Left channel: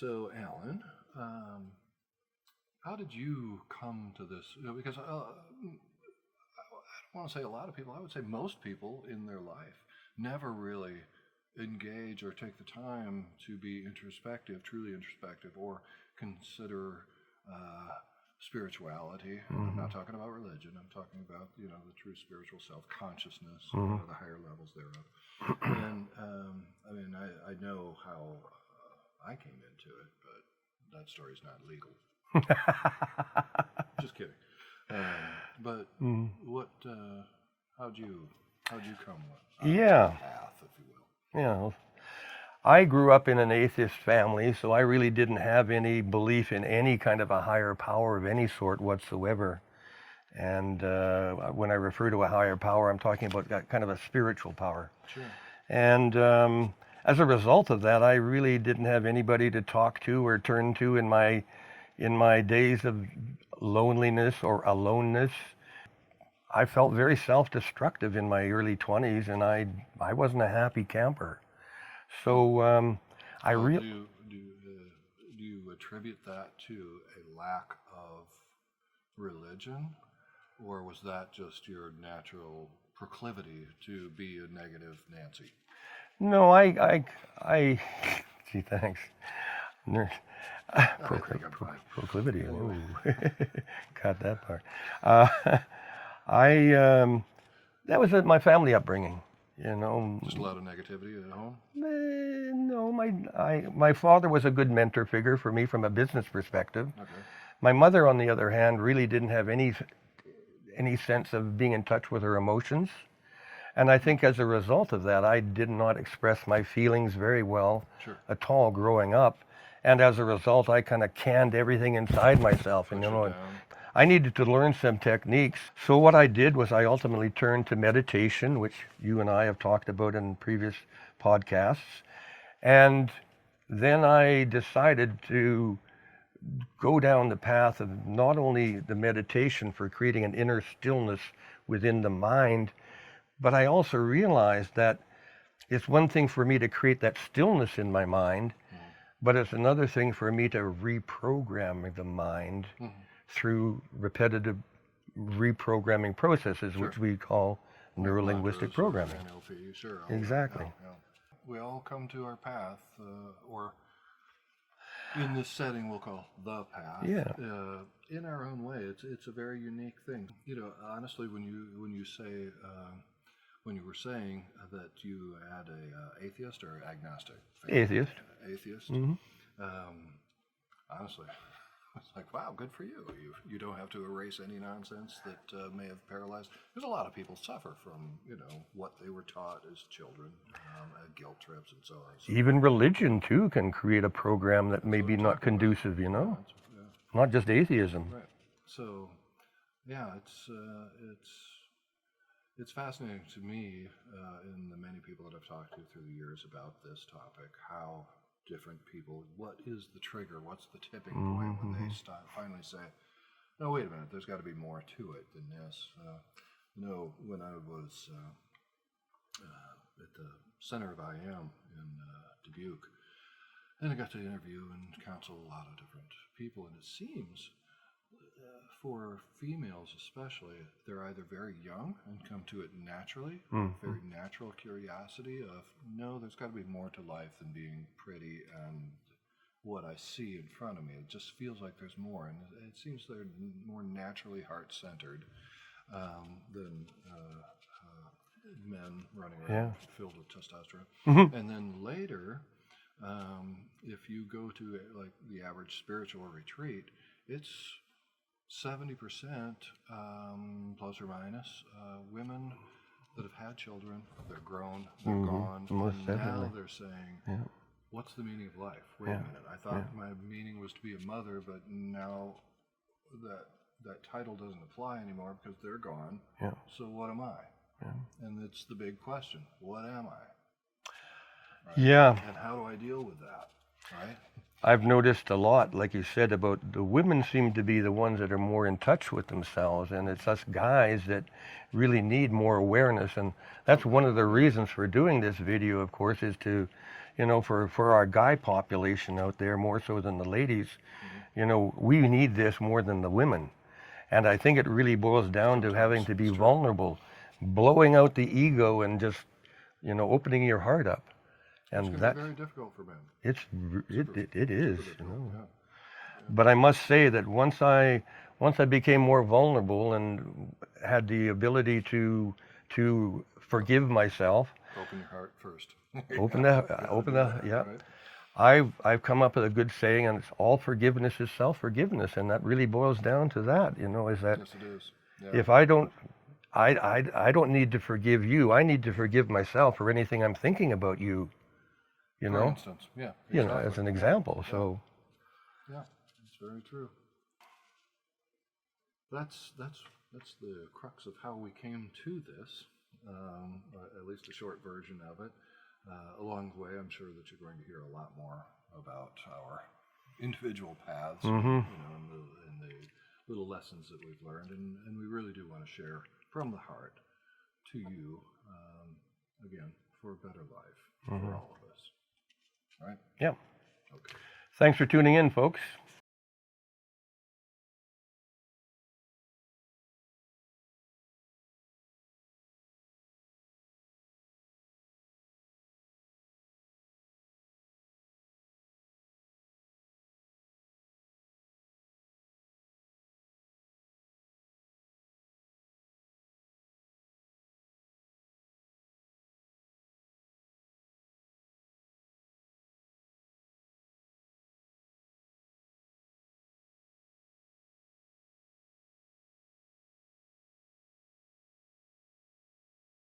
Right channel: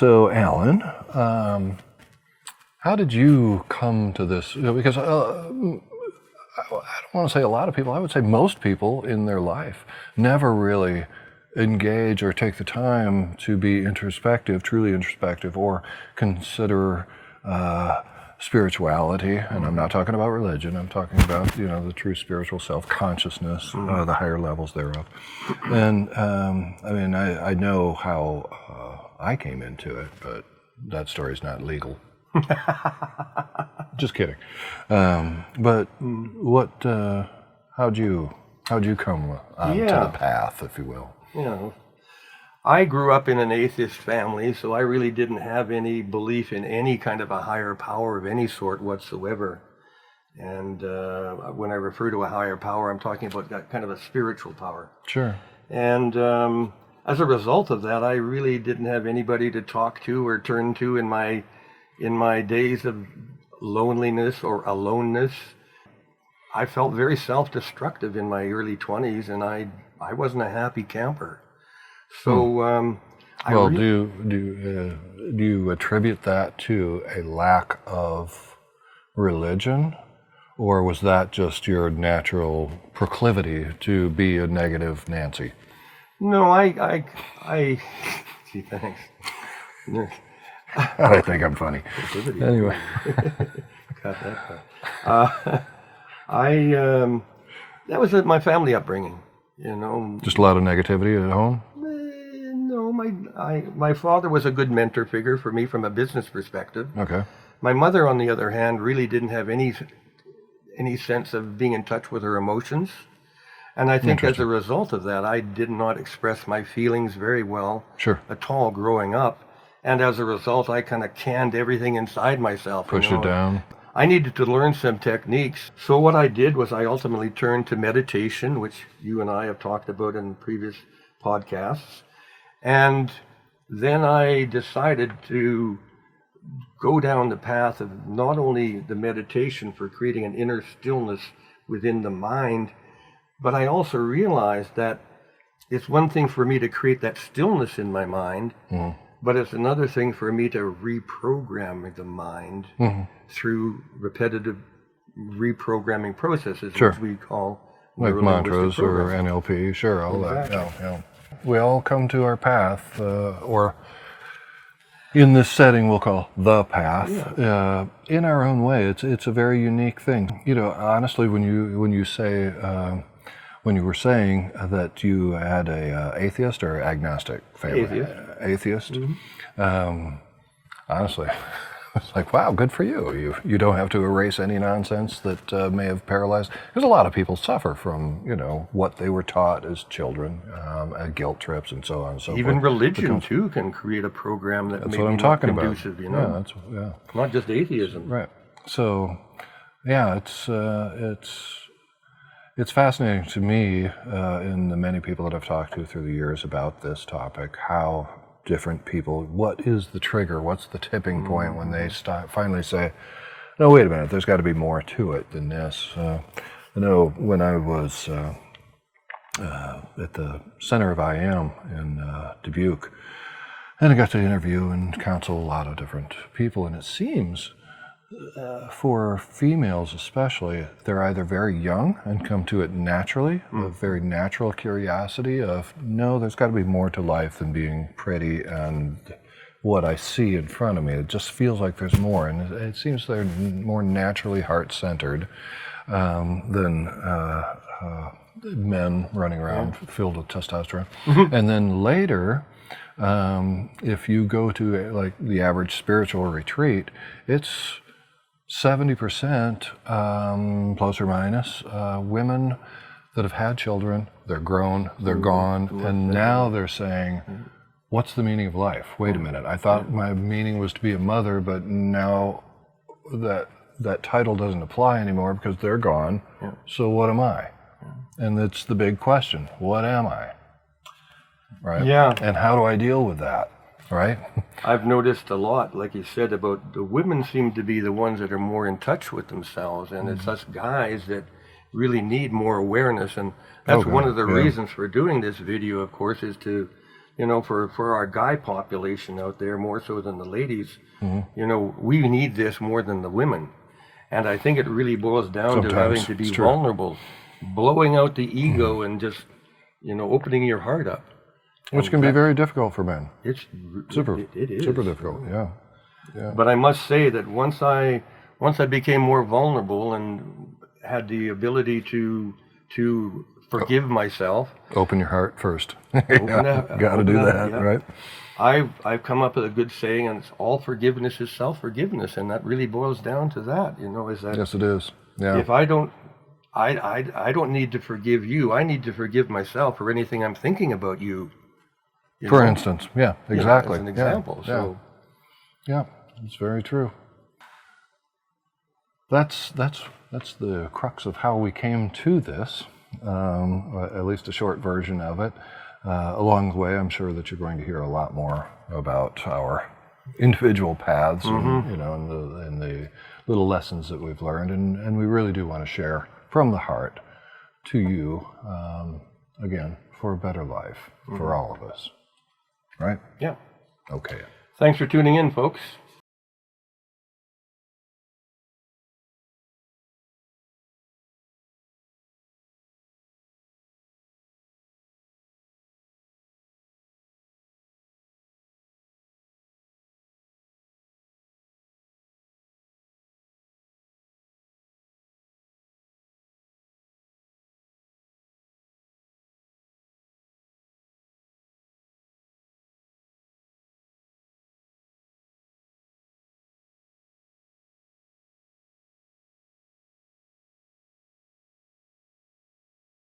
So, Alan, how did you come to this? Because I don't want to say a lot of people, I would say most people in their life never really engage or take the time to be introspective, truly introspective, or consider spirituality. And I'm not talking about religion, I'm talking about, the true spiritual self-consciousness, the higher levels thereof. And I know how I came into it, but that story's not legal. Just kidding. But how'd you come to the path, if you will? Yeah, I grew up in an atheist family, so I really didn't have any belief in any kind of a higher power of any sort whatsoever. And when I refer to a higher power, I'm talking about kind of a spiritual power. Sure. And as a result of that, I really didn't have anybody to talk to or turn to in my days of loneliness or aloneness. I felt very self-destructive in my early 20s, and I wasn't a happy camper. So, do you attribute that to a lack of religion, or was that just your natural proclivity to be a negative Nancy? No, gee, thanks. I think I'm funny. Anyway. Got that part. That was my family upbringing, Just a lot of negativity at home? No, my father was a good mentor figure for me from a business perspective. Okay. My mother, on the other hand, really didn't have any sense of being in touch with her emotions. And I think as a result of that, I did not express my feelings very well at all growing up. And as a result, I kind of canned everything inside myself. Pushed it down. I needed to learn some techniques. So what I did was I ultimately turned to meditation, which you and I have talked about in previous podcasts. And then I decided to go down the path of not only the meditation for creating an inner stillness within the mind, but I also realized that it's one thing for me to create that stillness in my mind, but it's another thing for me to reprogram the mind through repetitive reprogramming processes, which we call like mantras or programming. NLP, all Exactly. that. Yeah. We all come to our path, or in this setting we'll call the path, in our own way. It's a very unique thing. Honestly, when you say when you were saying that you had a atheist or agnostic family, atheist. Honestly, it's like, wow, good for you. You don't have to erase any nonsense that may have paralyzed. Because a lot of people suffer from, what they were taught as children, guilt trips and so on and so forth. Even religion, too, can create a program that may be not conducive, Not just atheism. Right. So, yeah, it's fascinating to me, in the many people that I've talked to through the years about this topic, how different people, what is the trigger, what's the tipping point when they finally say, no, wait a minute, there's got to be more to it than this. I know when I was at the center of I Am in Dubuque, and I got to interview and counsel a lot of different people, and it seems for females especially, they're either very young and come to it naturally, a very natural curiosity of, no, there's got to be more to life than being pretty and what I see in front of me. It just feels like there's more, and it seems they're more naturally heart-centered than men running around filled with testosterone. And then later, if you go to like the average spiritual retreat, it's 70%, plus or minus, women that have had children, they're grown, they're gone, and now they're saying, what's the meaning of life? Wait a minute, I thought my meaning was to be a mother, but now that title doesn't apply anymore because they're gone, so what am I? And it's the big question, what am I? Right? Yeah. And how do I deal with that? Right? I've noticed a lot, like you said, about the women seem to be the ones that are more in touch with themselves, and it's us guys that really need more awareness, and that's one of the reasons for doing this video, of course, is to you know, for our guy population out there, more so than the ladies, you know, we need this more than the women. And I think it really boils down to having to be vulnerable, blowing out the ego and just, you know, opening your heart up. Which can be very difficult for men. It is Super difficult, yeah. But I must say that once I became more vulnerable and had the ability to forgive myself. Open your heart first. Got to do that, right? I've come up with a good saying, and it's all forgiveness is self-forgiveness, and that really boils down to that. You know, is that yes, it is. Yeah. If I don't need to forgive you. I need to forgive myself for anything I'm thinking about you. For instance, yeah, exactly. As an example. Yeah. Yeah, it's very true. That's the crux of how we came to this, at least a short version of it. Along the way, I'm sure that you're going to hear a lot more about our individual paths, and, you know, and the little lessons that we've learned, and we really do want to share from the heart to you, again, for a better life for all of us. Right? Yeah. Okay. Thanks for tuning in, folks.